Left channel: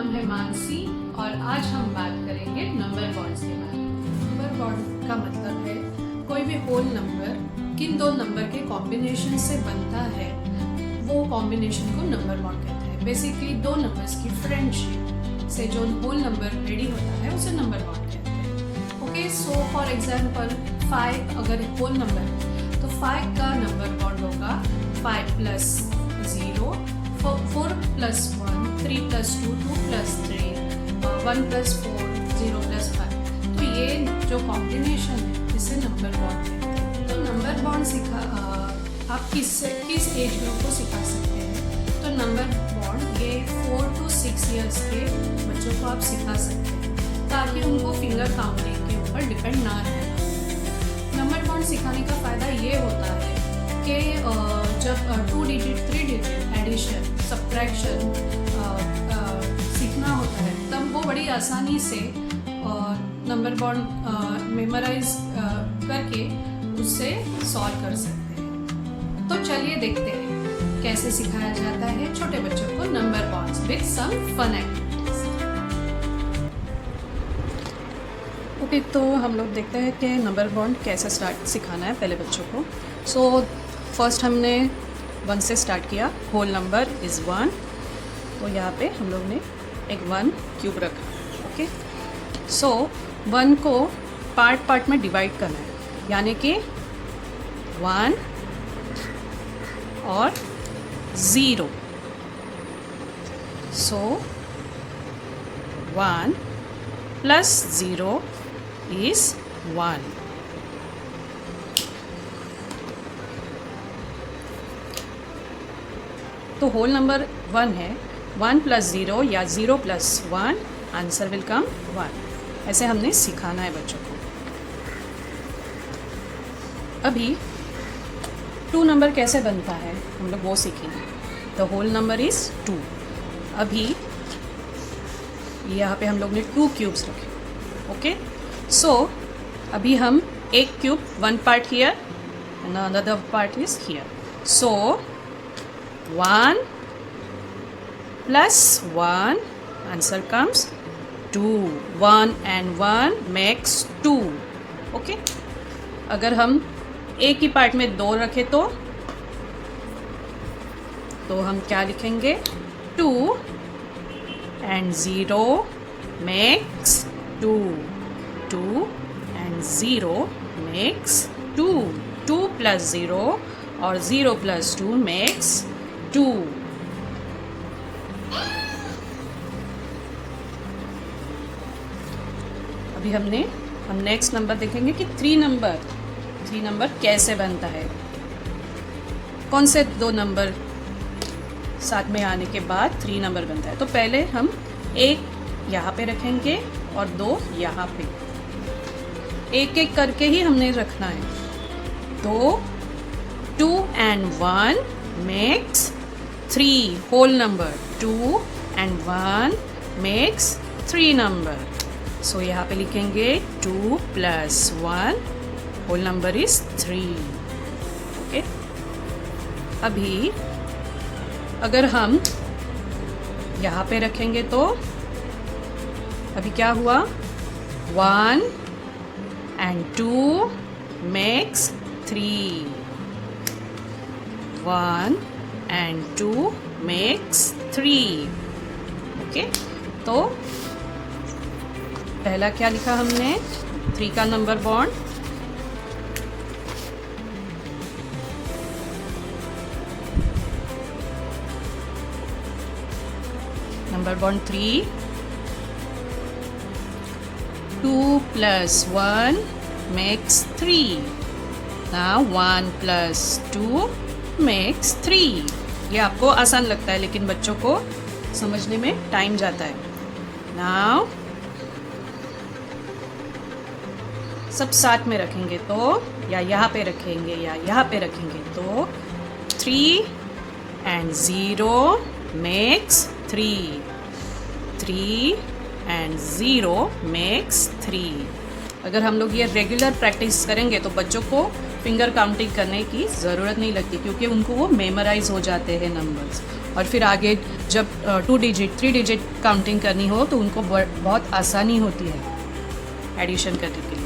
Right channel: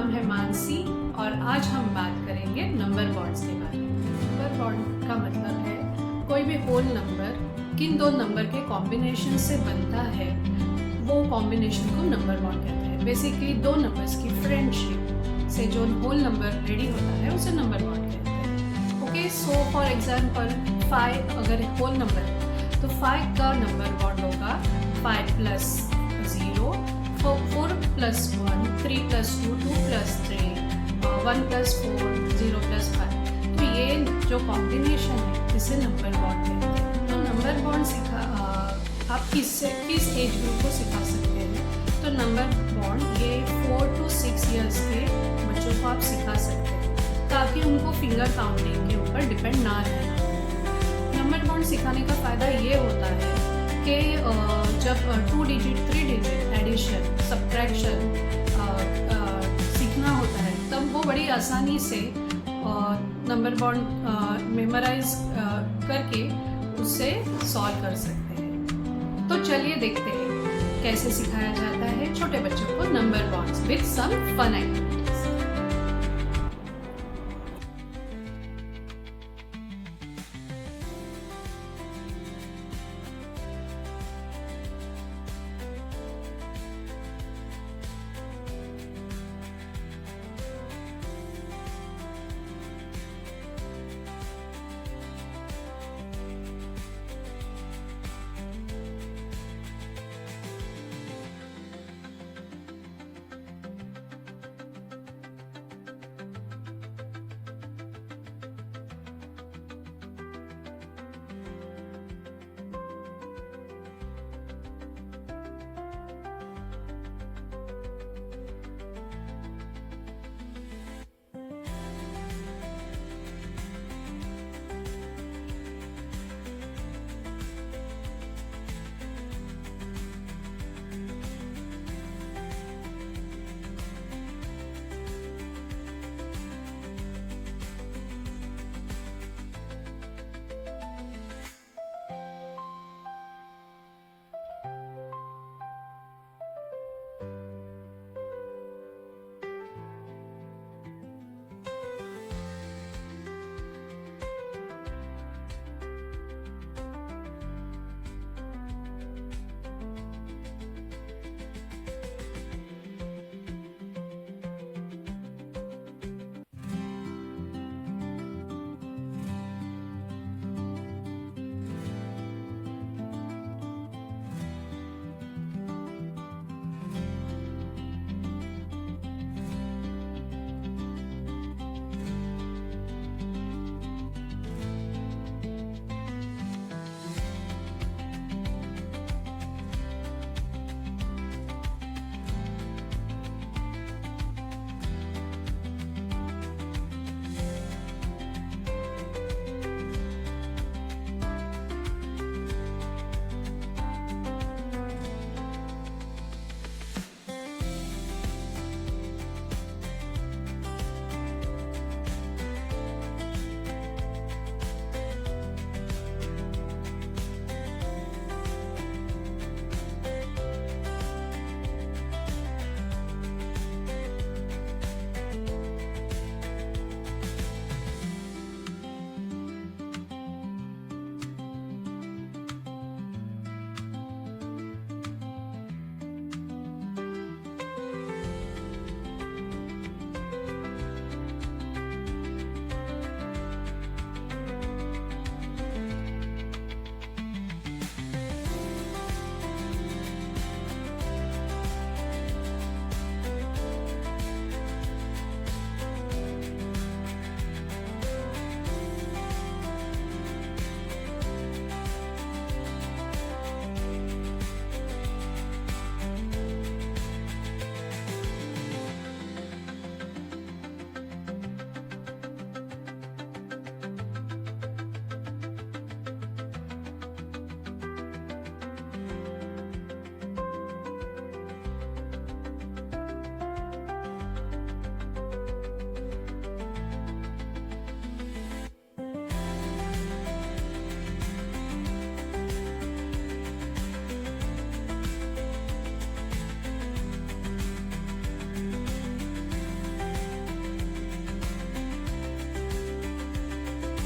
नाम है मानसी और आज हम बात करेंगे नंबर बॉन्ड्स के बारे में। नंबर बॉन्ड का मतलब है कोई भी होल नंबर किन दो नंबर के कॉम्बिनेशन से बनता है, वो कॉम्बिनेशन को नंबर बॉन्ड कहते हैं। बेसिकली दो नंबर्स की फ्रेंडशिप से जो होल नंबर रेडी होता है उसे नंबर बॉन्ड कहते हैं। ओके, सो फॉर एग्जांपल 5 अगर होल नंबर है तो 5 का नंबर बॉन्ड होगा 5 + 0, 4 + 1, 3 + 2, 2 + 3, 1 + 4, 0 + 5। तो ये जो कॉम्बिनेशन है इसे नंबर बॉन्ड कहते हैं। तो नंबर बॉन्ड आप किस एज ग्रुप को सिखा सकते हैं? तो नंबर बॉन्ड ये 4 to 6 इयर्स के बच्चों को आप सिखा सकते हैं ताकि उनको फिंगर काउंटिंग के ऊपर डिपेंड ना रहना। नंबर बॉन्ड सिखाने का फ़ायदा ये होता है कि जब 2 डिजिट 3 डिजिट एडिशन सब्ट्रैक्शन सीखना होता है तब वो बड़ी आसानी से नंबर बॉन्ड मेमोराइज करके उससे सॉल्व कर सकते हैं। तो चलिए देखते हैं कैसे सिखाया जाता है छोटे बच्चों को number bonds with some fun activities. Okay, तो हम लोग देखते हैं कि नंबर बॉन्ड कैसे सिखाना है पहले बच्चों को। सो फर्स्ट हमने 1 से स्टार्ट किया। होल नंबर इज़ 1, तो यहाँ पे हम लोग ने एक 1 क्यूब रखा। ओके, सो 1 को पार्ट में डिवाइड करना है, यानी कि 1 और 0। सो 1 + 0 is 1। तो होल नंबर 1 है, 1 + 0 या 0 + 1, आंसर विल कम 1। ऐसे हमने सिखाना है बच्चों को। अभी 2 नंबर कैसे बनता है हम लोग वो सीखेंगे। The whole number is 2। अभी यहाँ पे हम लोग ने 2 क्यूब्स रखे। ओके, सो अभी हम एक cube 1 part here and another part is here. So 1 + 1, answer comes 2। 1 and 1 makes 2। Okay, अगर हम एक ही पार्ट में 2 रखें तो हम क्या लिखेंगे? 2 and 0 makes 2। 2 and 0 makes 2। 2 + 0 और 0 + 2 makes 2। अभी हम नेक्स्ट नंबर देखेंगे कि 3 नंबर कैसे बनता है। कौन से 2 नंबर साथ में आने के बाद 3 नंबर बनता है। तो पहले हम 1 यहाँ पे रखेंगे और 2 यहाँ पे। एक करके ही हमने रखना है। तो 2 and 1 makes 3 whole number. 2 and 1 makes 3 number. So यहाँ पे लिखेंगे 2 + 1, होल नंबर इज 3। ओके, अभी अगर हम यहाँ पे रखेंगे तो अभी क्या हुआ? 1 and 2 makes 3। 1 and 2 makes 3। Okay, तो पहला क्या लिखा हमने? 3 का number bond. Number bond 3। 2 + 1 makes 3। Now 1 + 2 makes 3। ये आपको आसान लगता है लेकिन बच्चों को समझने में टाइम जाता है। Now सब साथ में रखेंगे तो, या यहाँ पे रखेंगे या यहाँ पे रखेंगे तो 3 and 0 makes 3। 3 and 0 makes 3। अगर हम लोग ये रेगुलर प्रैक्टिस करेंगे तो बच्चों को फिंगर काउंटिंग करने की ज़रूरत नहीं लगती, क्योंकि उनको वो मेमोराइज हो जाते हैं नंबर्स। और फिर आगे जब 2 डिजिट 3 डिजिट काउंटिंग करनी हो तो उनको बहुत आसानी होती है एडिशन करने के लिए।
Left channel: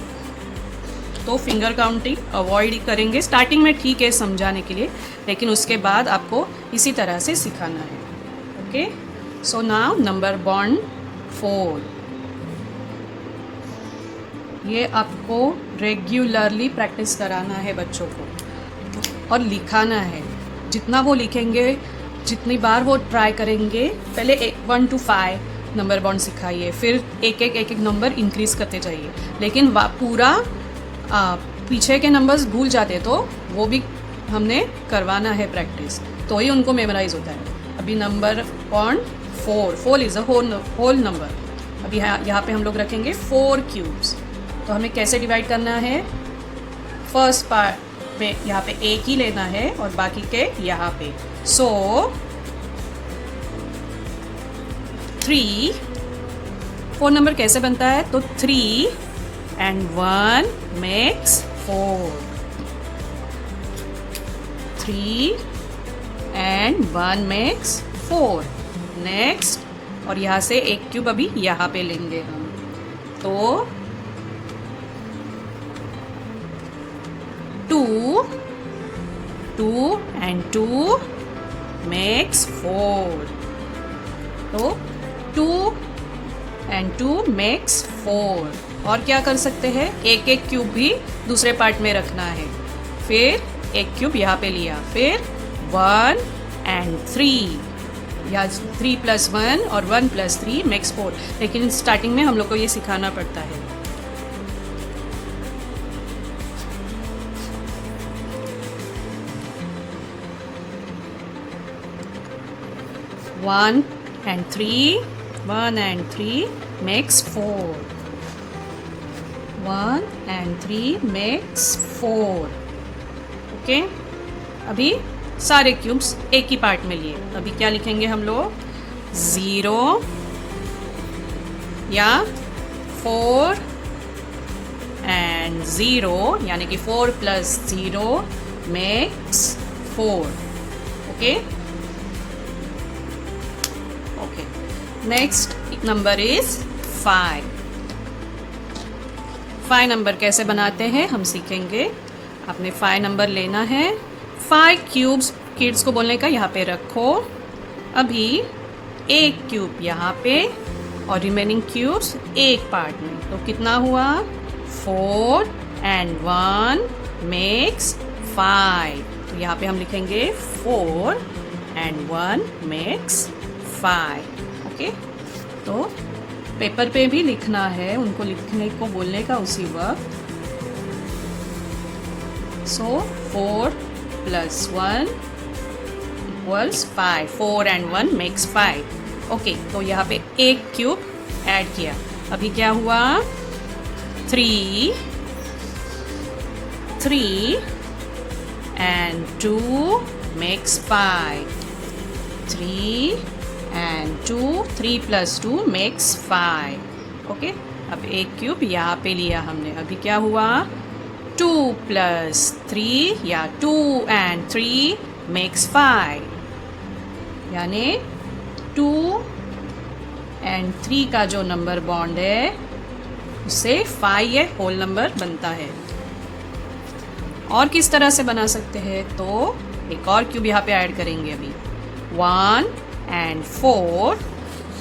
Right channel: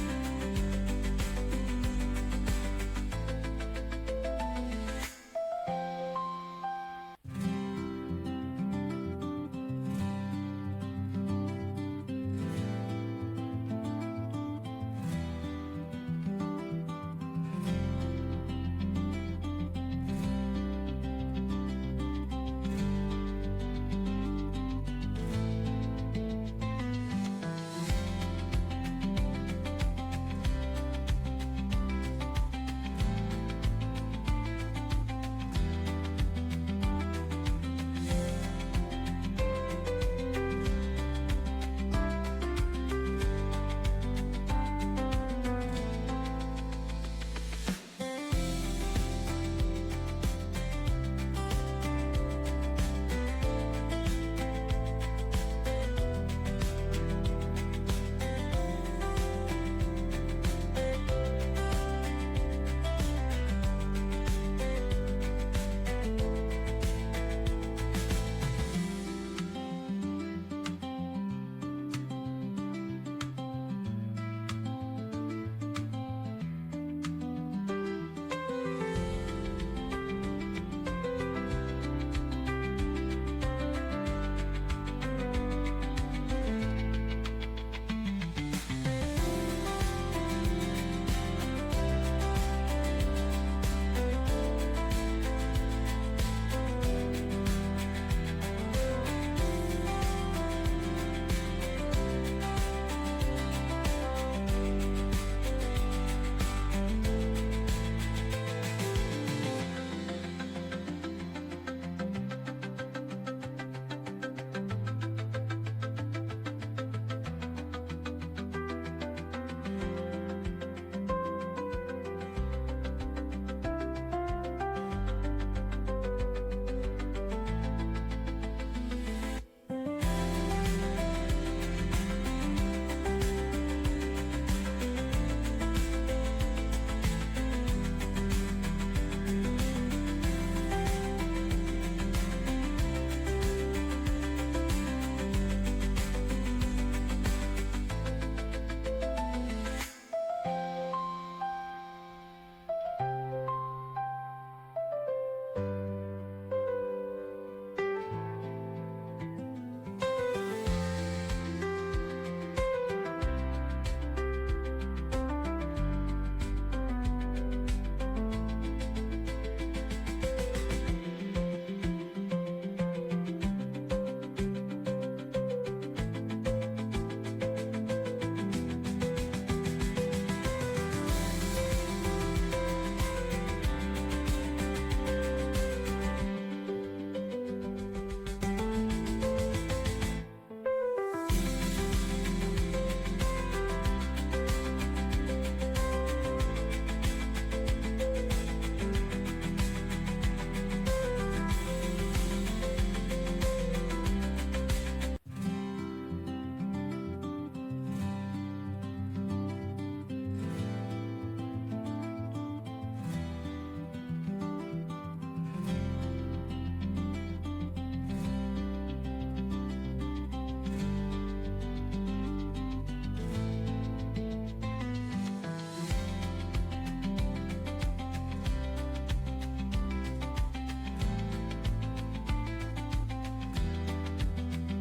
तो फिंगर काउंटिंग अवॉइड करेंगे स्टार्टिंग में, ठीक है समझाने के लिए, लेकिन उसके बाद आपको इसी तरह से सिखाना है। Okay, so now number bond 4, ये आपको रेगुलरली प्रैक्टिस कराना है बच्चों को और लिखाना है। जितना वो लिखेंगे, जितनी बार वो ट्राई करेंगे, पहले 1 to 5 नंबर बॉन्ड सिखाइए, फिर एक एक नंबर इंक्रीज करते जाइए, लेकिन पूरा पीछे के नंबर्स भूल जाते तो वो भी हमने करवाना है प्रैक्टिस, तो ही उनको मेमोराइज होता है। अभी number bond 4 is a whole number. अभी यहाँ पे हम लोग रखेंगे 4 क्यूब्स। तो हमें कैसे डिवाइड करना है, फर्स्ट पार्ट पे यहाँ पे एक ही लेना है और बाकी के यहाँ पे। सो 4 नंबर कैसे बनता है, तो 3 and 1 makes 4, 3 and 1 makes 4। Next, और यहाँ से एक क्यूब अभी यहाँ पे लेंगे हम, तो 2 and 2 makes 4, तो 2 and 2 makes 4। और क्या कर सकते हैं, एक एक क्यूब भी दूसरे पार्ट में रखना है, फिर एक क्यूब यहाँ पे लिया, फिर 1 and 3, या 3 + 1 और 1 + 3 makes 4। लेकिन स्टार्टिंग में हम लोग को ये सिखाना पड़ता है। One and 3 makes 4, 1 and 3 makes 4। Okay, अभी सारे क्यूब्स एक ही पार्ट में लिए। अभी क्या लिखेंगे हम लोग, 0 या 4 and 0, यानी कि 4 + 0 makes 4। Okay, next number is 5। 5 number कैसे बनाते हैं हम सीखेंगे। आपने 5 नंबर लेना है, 5 क्यूब्स किड्स को बोलने का यहाँ पे रखो। अभी एक क्यूब यहाँ पे और रिमेनिंग क्यूब्स एक पार्ट में, तो कितना हुआ, 4 and 1 makes 5। तो यहाँ पे हम लिखेंगे 4 and 1 makes 5। ओके, तो पेपर पे भी लिखना है, उनको लिखने को बोलने का उसी वक्त। सो 4 + 1 = 5, 4 and 1 makes 5। ओके, तो यहाँ पे एक क्यूब ऐड किया। अभी क्या हुआ, 3 and 2 makes 5, 3 and 2, 3 + 2 makes 5। Okay, अब एक क्यूब यहाँ पे लिया हमने। अभी क्या हुआ, 2 + 3 या 2 and 3 makes 5, यानी 2 and 3 का जो नंबर बॉन्ड है उससे 5 ये होल नंबर बनता है। और किस तरह से बना सकते हैं, तो एक और क्यूब यहाँ पे ऐड करेंगे। अभी 1 and 4,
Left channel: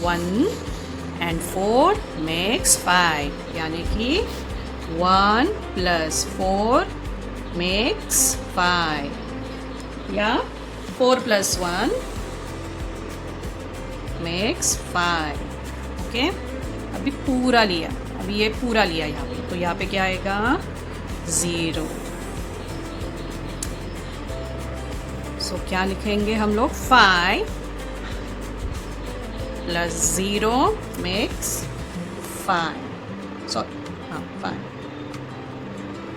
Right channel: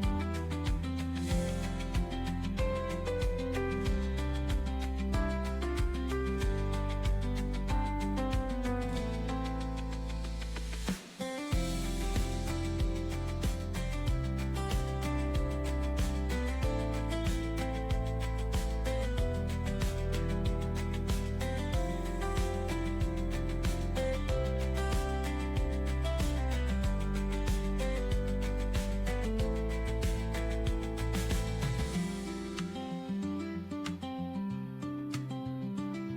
1 and 4 makes 5, यानी कि 1 + 4 makes 5, या 4 + 1 makes 5। ओके, अभी पूरा लिया, अभी ये पूरा लिया यहाँ पे, तो यहाँ पे क्या आएगा, 0। सो क्या लिखेंगे हम लोग, 5 + 0 makes 5, सॉरी 5,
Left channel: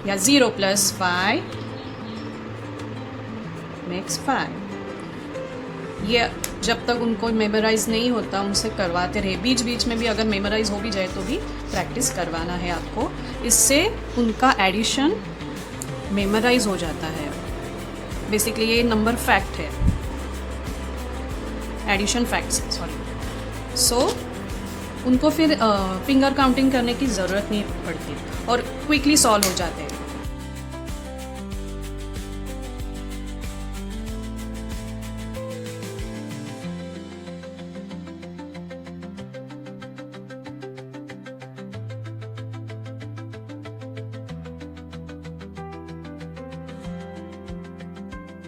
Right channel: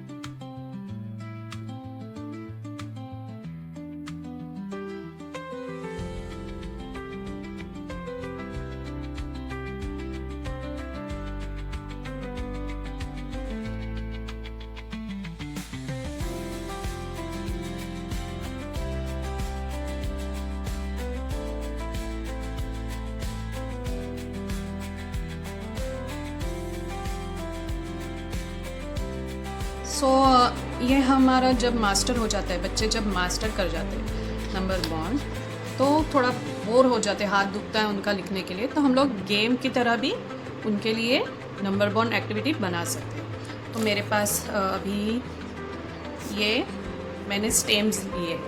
या 0 + 5 makes 5। ये जब तक उनको मेमोराइज नहीं होता उनसे करवाते रहे, बीच बीच में भी अगर मेमोराइज हो भी जाए तो भी प्रैक्टिस करवाना है आपको। इससे उनका एडिशन मेमोराइज हो जाता है। बेसिकली ये नंबर फैक्ट है। एडिशन फैक्ट्स है, सॉरी। सो उनको फिर फिंगर काउंटिंग करने की ज़रूरत नहीं पड़ती और क्विकली सॉल्व हो जाते हैं। सो ये हमारा जब मास्टर हो जाता है, बच्चे जब मास्टर कर जाते हैं नंबर बॉन्ड, तो थोड़ा बोर हो जाते हैं, हाथ दुखता है उनका लिखने के लिए, तो हम लोग गेम की तरह भी उनके लिए नंबर बॉन्ड एक्टिविटी बना सकते हैं। तो मेरे पास अभी ये मैंने स्टेम्स लिए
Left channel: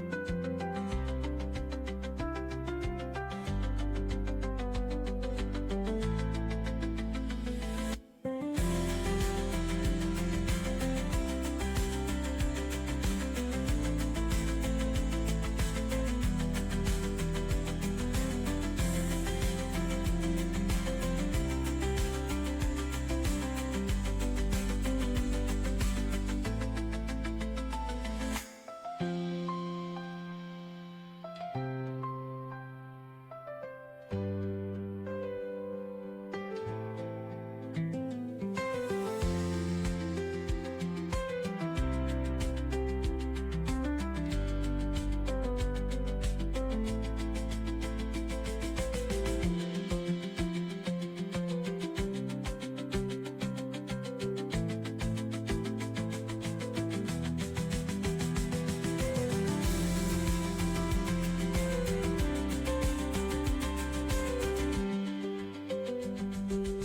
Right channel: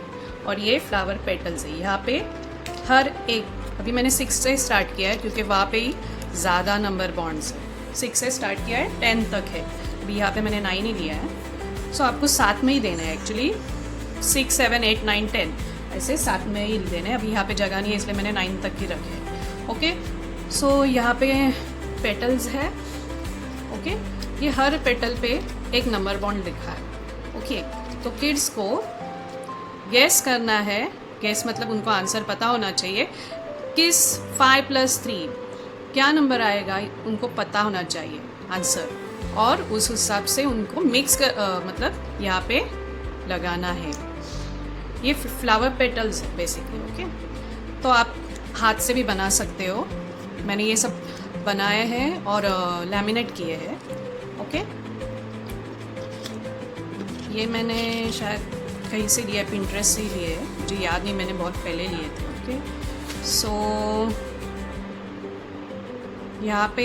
और ये फ्लावर पेटल्स है। यहाँ पे हर एक, अभी मैंने 6 से स्टार्ट किया है क्योंकि वहाँ पे ही ज़्यादा नंबर बॉन्ड्स है। 6 से स्टार्ट किया है, 10 तक है। अभी यहाँ पे मैंने 9 ही लिया है। सो आपको साथ में ही देना है एक्चुअली, 6, 7, 8, 9, 10 ऐसे साथ में ही देना है। अभी यहाँ पे जगह नहीं है इसलिए मैंने 9 तक ही रखे हैं। ओके, सो यहाँ पे पेटल्स है। ओके, ये हर पेटल पे एक नंबर बॉन्ड लिखा है। ओके, तो किड्स को गैस करना है, गैस मतलब उनको आंसर पता होना चाहिए, किस 5 + 3 क्या नंबर आएगा, उनको पता होना चाहिए आंसर, और उस हिसाब से उनको मिक्स कर मतलब यहाँ पे लगाना है। ये फ्लावर पेटल्स है बेसिकली। ओके, तो आप हाथ से भी बना सकते हो। मैंने ये सब बनाए हैं और लैमिनेट किए हैं। ओके, ये मैंने शायद कहीं से लिया, पिंटरेस्ट से ही लिए है, मुझे याद नहीं, मैंने बहुत पहले लिए थे। ओके, सो यहाँ पे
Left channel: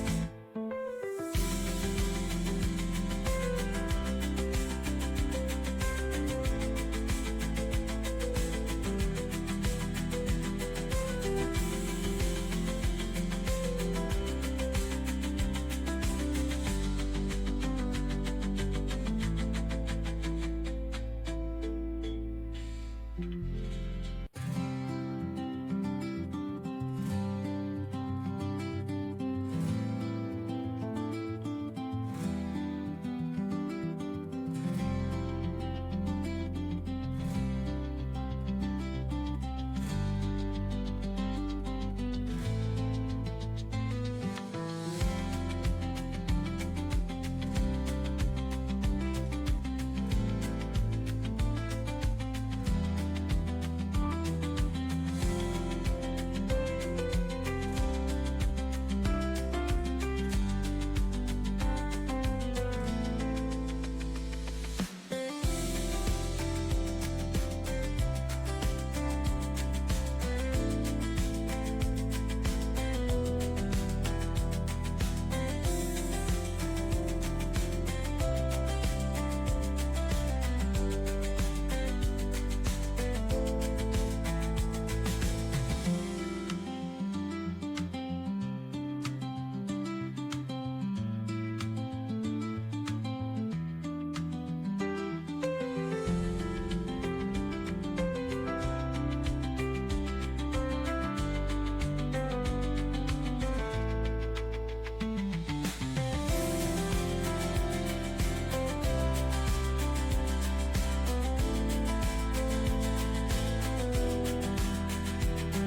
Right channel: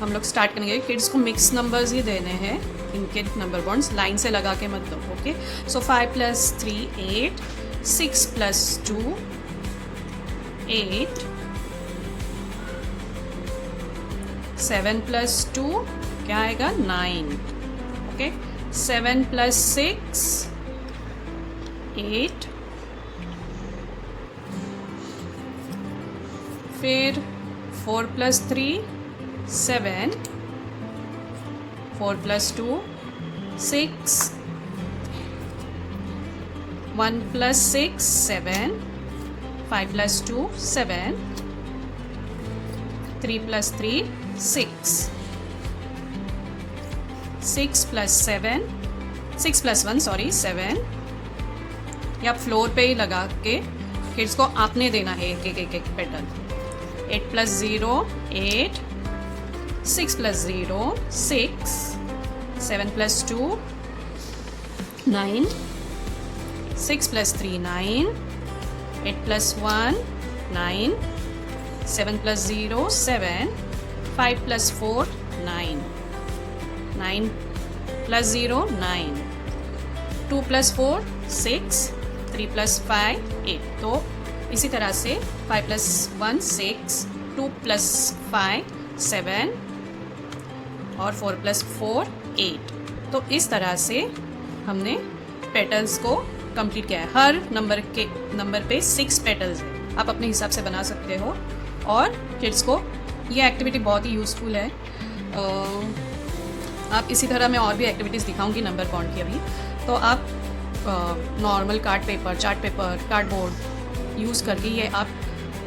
हम लोग स्टार्ट करेंगे। किड्स को मिक्स नंबर्स ही देने हैं, इनके नंबर बॉन्ड्स लाइन से लगा के मत दो। ओके, सो 5 + 3 8, 6 + 2 8, 7 + 2 क्या आएगा 9। ओके, 7 + 6 8, फिर 4 + 3 7, 4 + 2 6, 1 + 6 7, 5 + 2 7, 3 + 3 6, 6 + 7, 6 + 1 सॉरी 7। या फ्लोर पे ही लगा के किड्स को आपने देना है एक पेटल। 8 + 0 8, 6 + 0 6, 7 + 2 9, 6 + 3 9, 8 + 1 9, 7 + 0 7, 5 + 4 9, 9 + 0 9, 2 + 4 6, 3 + 5 8। तो इसी तरह से 5 + 1 6, 2 + 5 7 और 4 + 4 8। तो इस तरह से हमने पेटल्स को कंप्लीट किया है। हर नंबर पे 6 पेटल्स है, आप अपने हिसाब से बना सकते हो। और किड्स को ये एक्टिविटी बहुत ही यूज़फुल है। आप इसी तरह मैं और भी एक्टिविटीज़ दिखाऊंगी नंबर बॉन्ड की अभी। तो आप normal card paper, chart paper, cardboard use करके ये आप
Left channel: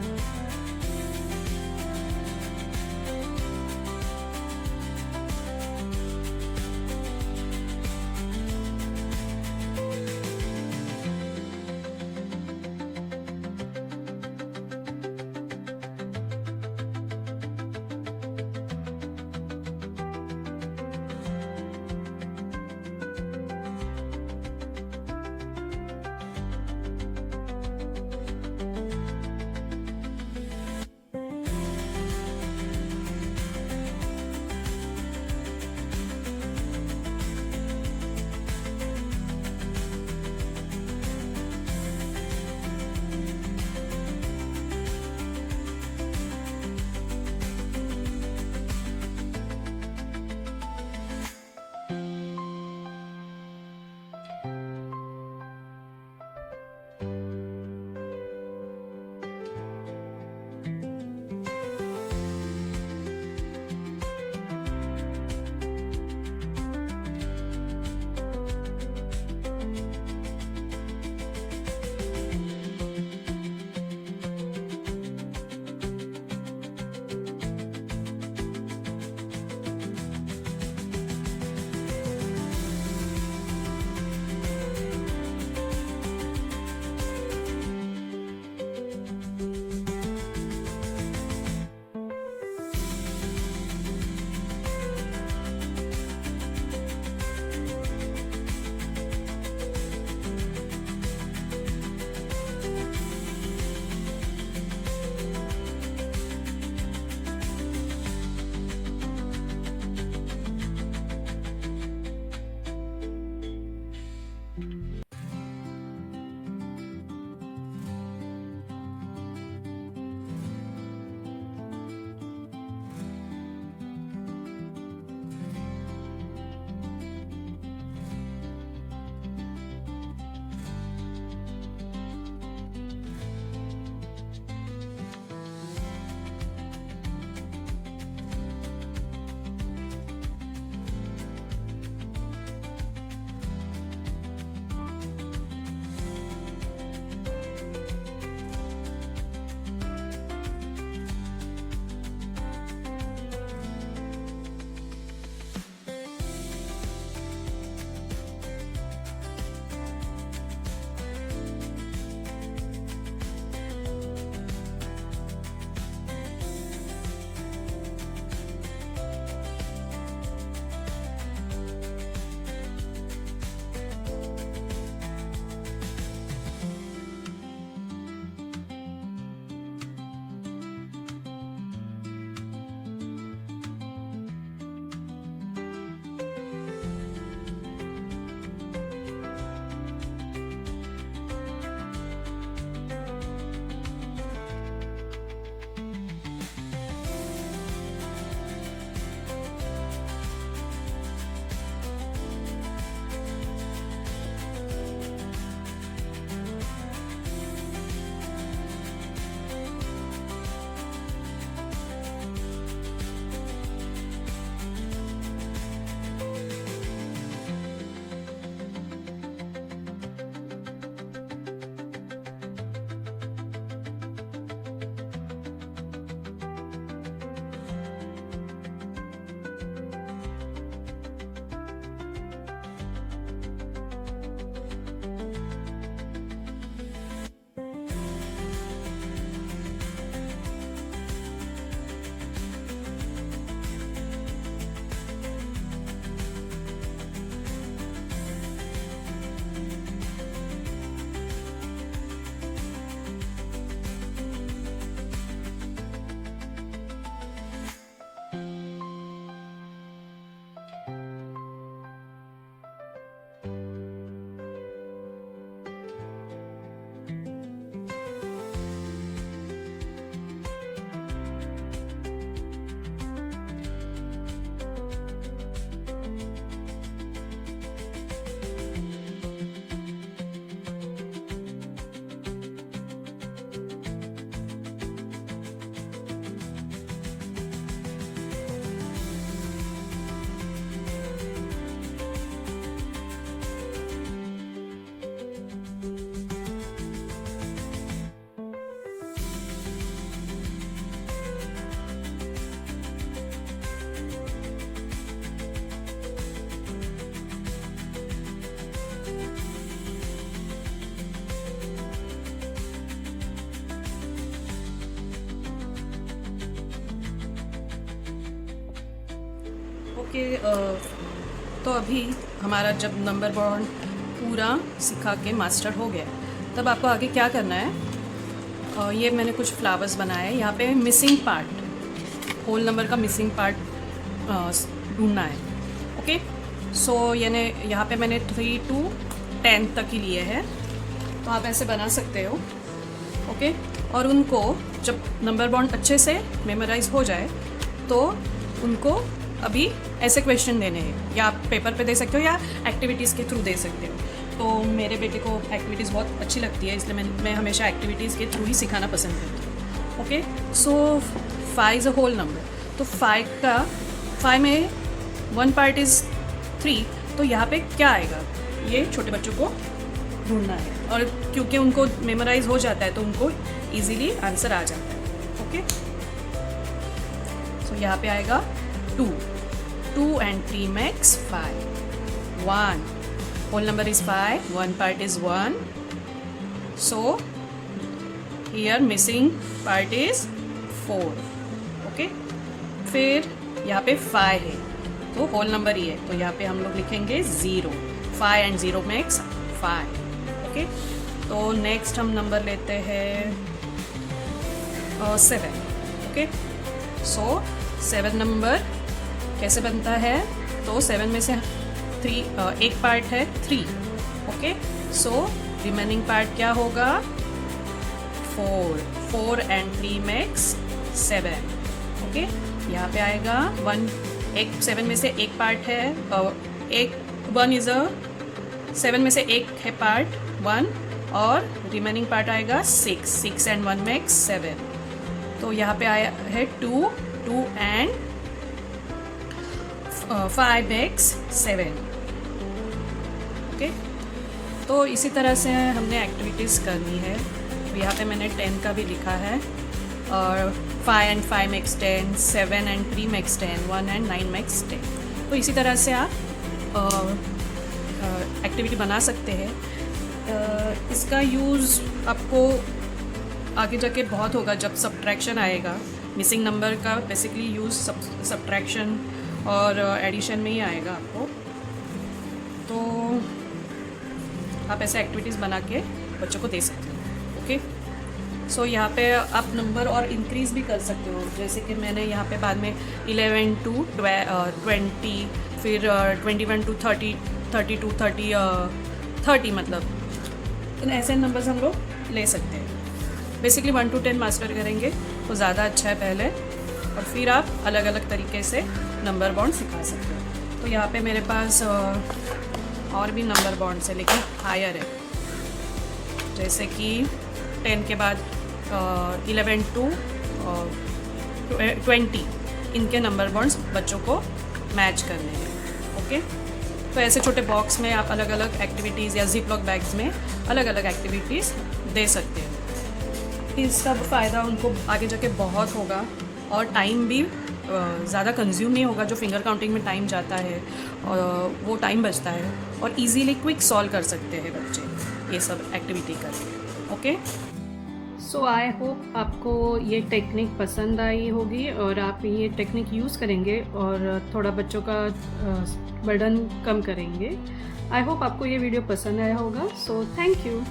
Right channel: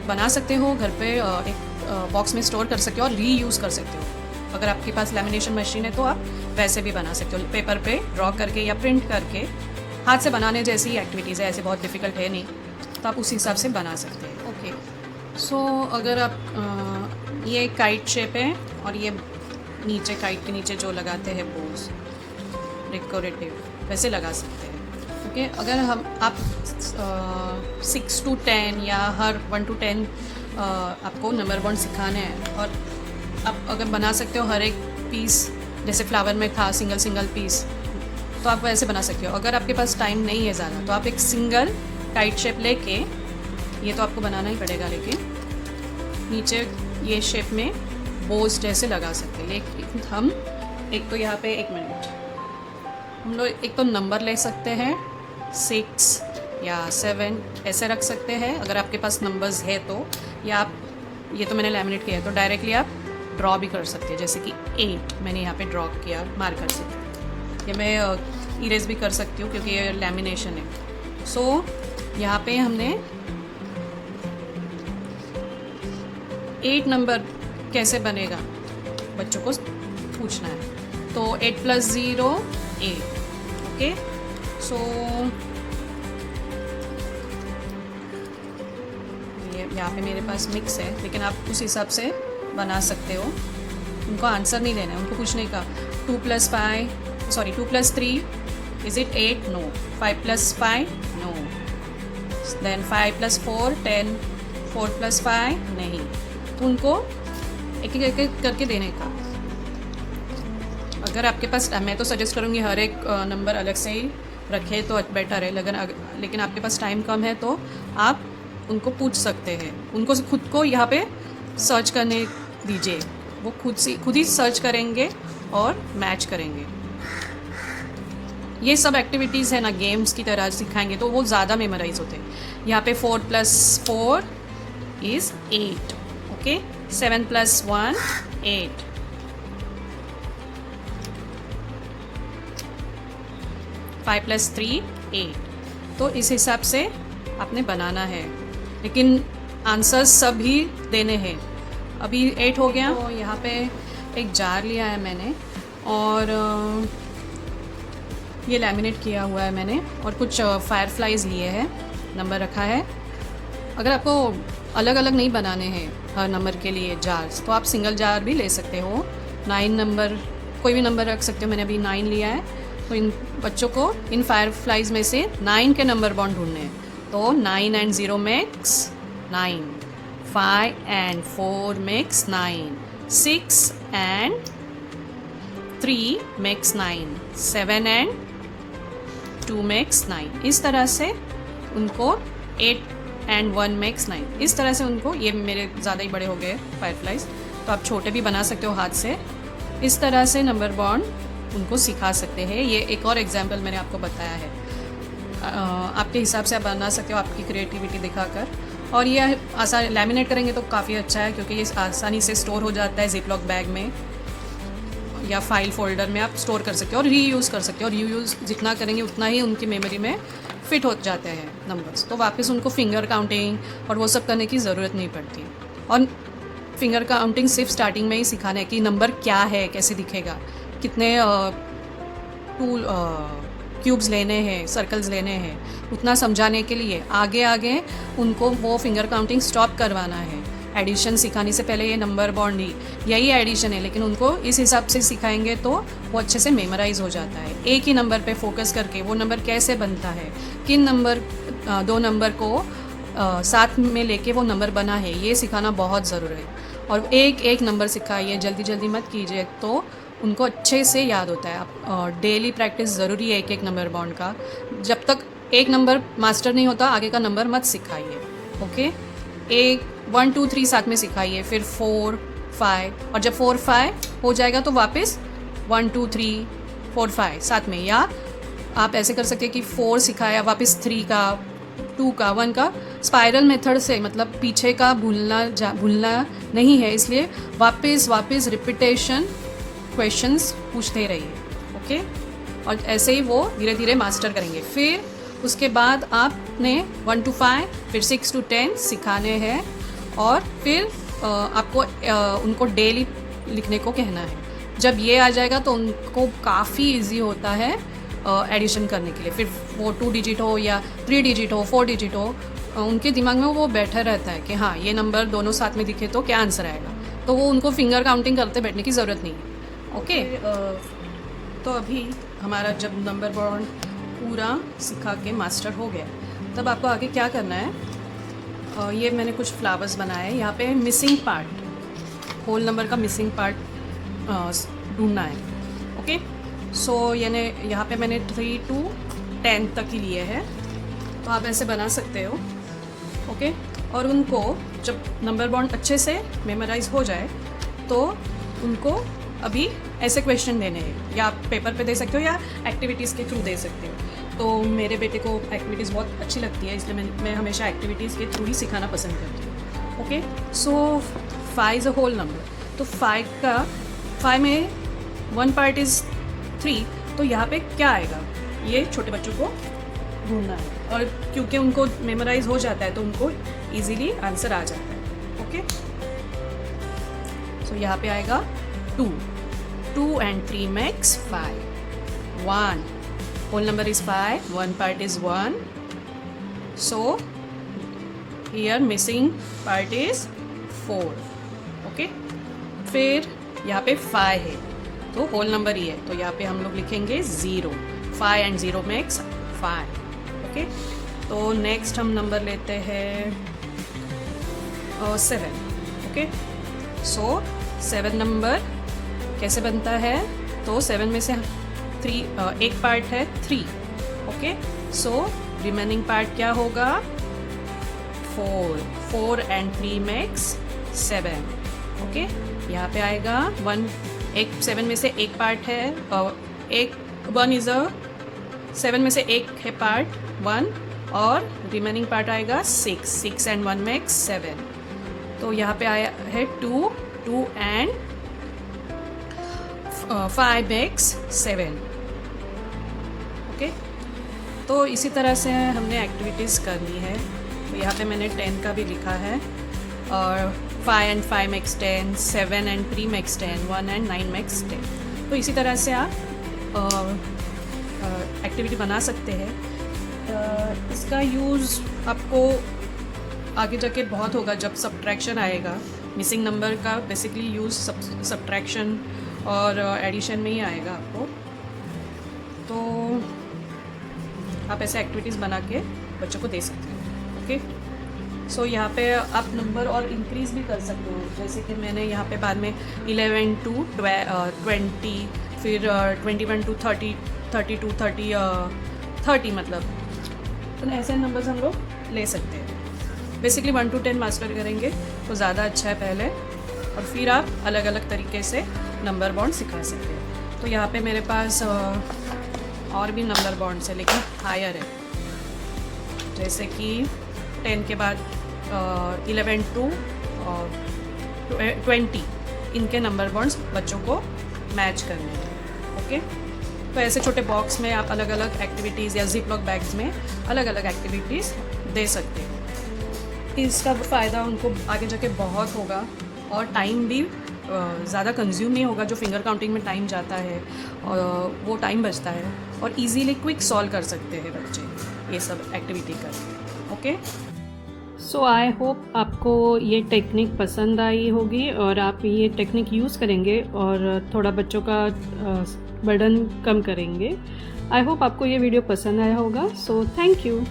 बना सकते हो। घर पे एक बॉक्स में स्टोर कर सकते हो और रीयूज़ कर सकते हो। अगर आपके पास लेमिनेशन मशीन है तो आप वैसे भी बना सकते हो, पेपर पे ड्रॉ करके या प्रिंट करके। हाथ से बनाने जैसी एक्टिविटीज़ है, ऐसे बहुत डिफ़िकल्ट है नहीं, तो आप उसी हिसाब से बना सकते हैं। ओके, सो अगर आप ये काइट शेप है और ये नीचे काइट के नीचे जो लगाते हैं बोस डेकोरेटिव, वैसे लगा सकते हैं। ओके, अगर आप 6 to 10 या हर 1 to 10 आपको नंबर बॉन्ड सिखाने हैं, और आप अगर बना सकते हो हर एक पीस, जैसे फ्लावर में था सिंगल पीस, तो आप वैसे बना सकते हो। अगर आपके पास टाइम नहीं है ज़्यादा तो आप एक सिंगल टाइट शेप लेके, ये तो आपको बनाना ही पड़ेगा, लेकिन नीचे ये शेप में बोस जैसे लगा सकते हैं। लेकिन हम एक तो यहाँ पे 1 मिनट, हम लोग एक तो नंबर ले सकते हैं 6 या 7 ऐसे रख सकते हैं अगर आपके पास नंबर्स है तो, या आप ये तो मैंने लैमिनेट किया है तो डायरेक्टली आप ड्रॉ भी कर सकते हैं, जैसे कि 8 मैंने यहाँ पे ड्रॉ किया मार्कर से। ये मैं इरेज भी कर सकती हूँ क्योंकि ये लैमिनेशन है। सो यहाँ पे हमने 8 नंबर कैसे बनेगा बच्चों को पूछना है। तो 8 + 0 8। ओके, सो यहाँ पे मेरे पास मिक्स है, लेकिन आप उस हिसाब से बना सकते हो। उनको आंसर नहीं देना है, उनको कुछ नहीं कहा 2 + 3 is it 8? No. 5 + 5 no. Then 5 + 4 10, 4 + 5 नहीं। तो उनको एक एक करके देने का। अगर आपके पास, मैं तो सजेस्ट करूँगी हर एक नंबर अलग से ही रखे तो बेटर है, लेकिन आपके पास टाइम कम है तो आप उनको पूछ सकते हैं। उनको खुद को यहाँ पे सर्च करने दीजिए, वो खुद ही सर्च करेंगे और मैच करेंगे। ये सब एक्टिविटीज़ है ना, गेम्स की तरह सिखाएंगे तो वो ज़्यादा मेमोराइज होते हैं। यहाँ पे 4 + 4 इज़ 8, ओके। 7 + 1 8, 5 + 3 8। तो इस हिसाब से आपने बनाना है, लेकिन आंसर्स सभी देने हैं। अभी 8 हो गया। तो यहाँ पे एक जार लिया है मैंने, और ये लैमिनेट किया हुआ है मैंने, और कुछ फायरफ्लाइज लिए हैं, नंबर रखा है। अगर आपको अलग अलग नहीं बनाने हैं हर नंबर के लिए जार्स, तो आप सिंगल जार भी ले सकते हो। 9 नंबर, कोई भी नंबर रख सकते हो। मैंने अभी 9 लिया है, तो इन बच्चों को इन फायरफ्लाइज में से 9 के नंबर बॉन्ड ढूंढने हैं। तो 9 and 0 makes 9, 5 and 4 makes 9, 6 and 3 makes 9, 7 and 2 makes 9। इस तरह से उनको 8 and 1 makes 9, इस तरह से उनको, ये मेरे ज़्यादा ही बड़े हो गए फायरफ्लाइज, तो आप छोटे भी बना सकते हो हाथ से। इस तरह से नंबर बॉन्ड उनको सिखा सकते हैं। ये एक और एग्जाम्पल मैंने आपको बताया है। आपके हिसाब से आप बना सकते हो, आपकी क्रिएटिविटी दिखाकर। और ये आसान लैमिनेट करेंगे तो काफ़ी अच्छा है, क्योंकि ये आसानी से स्टोर हो जाता है जिपलॉक बैग में या फाइल फोल्डर में आप स्टोर कर सकते हो और रीयूज़ कर सकते हो। और रीयूज़ जितना करेंगे उतना ही उनकी मेमोरी में फिट हो जाते हैं नंबर्स, तो वापस उनको फिंगर काउंटिंग और वो सब करने की ज़रूरत नहीं पड़ती। और फिंगर काउंटिंग सिर्फ स्टार्टिंग में ही सिखाना है कि नंबर क्या है, कैसे दिखेगा, कितने टूल क्यूब्स लेने हैं, सर्कल्स लेने हैं, उतना समझाने के लिए आगे आगे उनको वो फिंगर काउंटिंग स्टॉप करवाना है। एडिशन सिखाने से पहले ये नंबर बॉन्ड ही यही एडिशन है, लेकिन उनको इस हिसाब से सिखाएंगे तो वो अच्छे से मेमोराइज हो जाता है। एक ही नंबर पे फोकस करके वो नंबर कैसे बनता है, किन नंबर 2 नंबर को साथ में लेके वो नंबर बना है, ये सिखाना बहुत ज़रूरी है। और एक एक नंबर सिखाइए, जल्दी जल्दी मत कीजिए, तो उनको अच्छे से याद होता है। आप डेली प्रैक्टिस ज़रूरी है एक एक नंबर बॉन्ड का। जब तक एक नंबर मास्टर नहीं होता आगे का नंबर मत सिखाइए, ओके। 1 2 3 साथ में सिखाइए, फिर 4 5, और जब 4 5 हो जाएगा तो वापस 1 2 3 4 5 साथ में। या आप ऐसे कर सकते हैं कि 4 सिखाया, वापस 3 का, 2 का, 1 का, स्पाइरल मेथड से, मतलब पीछे का भूलना नहीं है, इसलिए वापस रिपीटेशन क्वेश्चंस पूछते रहिए, ओके। और ऐसे ही वो धीरे धीरे मास्टर करेंगे। फिर उसके बाद आपने 1 to 5, फिर 6 to 10 सिखाने हैं, और फिर आपको उनको डेली लिखने को कहना है। जब ये आ जाएगा तो उनको काफ़ी इजी होता है एडिशन करने के लिए। फिर वो 2 डिजिट हो या 3 डिजिट हो, 4 डिजिट हो, उनके दिमाग में वो बैठा रहता है कि हाँ ये नंबर दोनों साथ में दिखे तो क्या आंसर आएगा। तो वो उनको फिंगर काउंटिंग करते बैठने की ज़रूरत नहीं है, ओके। तो अभी हमारा जब नंबर बॉन्ड पूरा सिखा के मास्टर हो गया, तब आपको आगे क्या करना है। ये मैंने कुछ फ्लावर्स बनाए हैं। यहाँ पे मिसिंग पार्ट, होल नंबर का मिसिंग पार्ट ढूंढना है, ओके। सो यानी यहाँ पे मैंने 3 to 10 तक ही लिए हैं, तो आप ऐसे बना सकते हो, ओके। और उनको जब नंबर बॉन्ड अच्छे से मेमोराइज हो जाए तो उनको अभी ऐसे क्वेश्चन देने हैं, या आप पेपर पे दे सकते हो या एक्टिविटीज़ के थ्रू दे सकते हो। तो मेरे बेटे को एक्टिविटीज़ बहुत अच्छी लगती है, इसलिए मैं हमेशा एक्टिविटीज़ के थ्रू ही सिखाना पसंद करती हूँ, okay. So 5 is a whole number, तो 5 में 1 पार्ट इज़ 3, तो यहाँ पे क्या आएगा ये छोटे बच्चों को ढूंढना है। और क्योंकि उनको मेमोराइज हो जाता है तो उनको ईजीली आंसर आ जाता है, ओके। सो यहाँ पे आएगा 2 and 3 makes 5, 1, whole number is 5, 1 part is 1, so here missing part is 4. Okay, फिर यहाँ पे 5 है तो होल नंबर ही है, तो यहाँ पे हम लोग लिखेंगे 0. 5 and 0 makes 5. ओके, तो नेक्स्ट हम नंबर लेते हैं 7. ओके, सो 7 नंबर कैसे बनता है, तो 7 में से 3 एक पार्ट है 3. ओके, सो रिमेनिंग पार्ट क्या होगा 4. 4 and 3 makes 7. ओके, यहाँ पे आएगा 1. 7 में से एक पार्ट है, एक 1 इज 7 में से एक है पार्ट 1 और रिमेनिंग पार्ट आएगा 6. 6 and 1 makes 7. तो यहाँ पे आया है 2. 2 and 5 makes 7. ओके, तो इसी तरह से हमने एक्टिविटीज़ करनी है. तो यहाँ पे मैंने 10 का भी लिखा है, और 5 and 5 makes 10, 7 and 3 makes 10, 1 and 9 makes 10. तो इसी तरह से आप एक्टिविटी बना सकते हैं. इसका यूज़ आपको आगे जाके बहुत होगा जब सब्ट्रैक्शन आएगा. मिसिंग नंबर का बेसिकली यूज़ सब्ट्रैक्शन और एडिशन में ही आएगा आपको. तो आप ऐसे एक्टिविटीज़ बना के बच्चों को दे सकते हो. ओके, सो यहाँ पे आप नंबर और इंक्रीज़ भी कर सकते हो, जैसे कि मैंने यहाँ पे बाद में 11 to 20, फिर 21 to 30, 32, 30 मतलब तो ऐसे नंबर्स हम लोग ले सकते हैं. बेसिकली 1 to 10 मास्टर करेंगे तो ज़्यादा अच्छा है पहले, और फिर आप अलग अलग तरीके से नंबर बॉन्ड सिखा सकते हो. तो यहाँ पे मेरे पास और भी नंबर बॉन्ड्स है लेकिन हायर है, जैसे कि 10 के बाद 11 to 20 इनके नंबर बॉन्ड्स बच्चों को मैच करने हैं. ओके, तो ऐसे छोटे बॉक्स में आप अलग अलग एक्टिविटीज़ या जिप लॉक बैग्स में अलग अलग एक्टिविटीज़ दे सकते हो. इसका फ़ायदा उनको आगे जाके बहुत होगा, और टाइम भी ज़्यादा कंज्यूम नहीं होगा. जो फिंगर काउंटिंग में टाइम जाता है और वो टाइम बचता है, और इजीली क्विक सॉल्व कर सकते हैं बच्चे ये सब एक्टिविटी करके. ओके, सो आई होप आपको ये टेक्निक पसंद आई होगी और आप ये टेक्निक यूज़ करेंगे और थोड़ा बच्चों का बर्डन कम करेंगे. आई होप आपको ये वीडियो पसंद आया होगा. So thank you.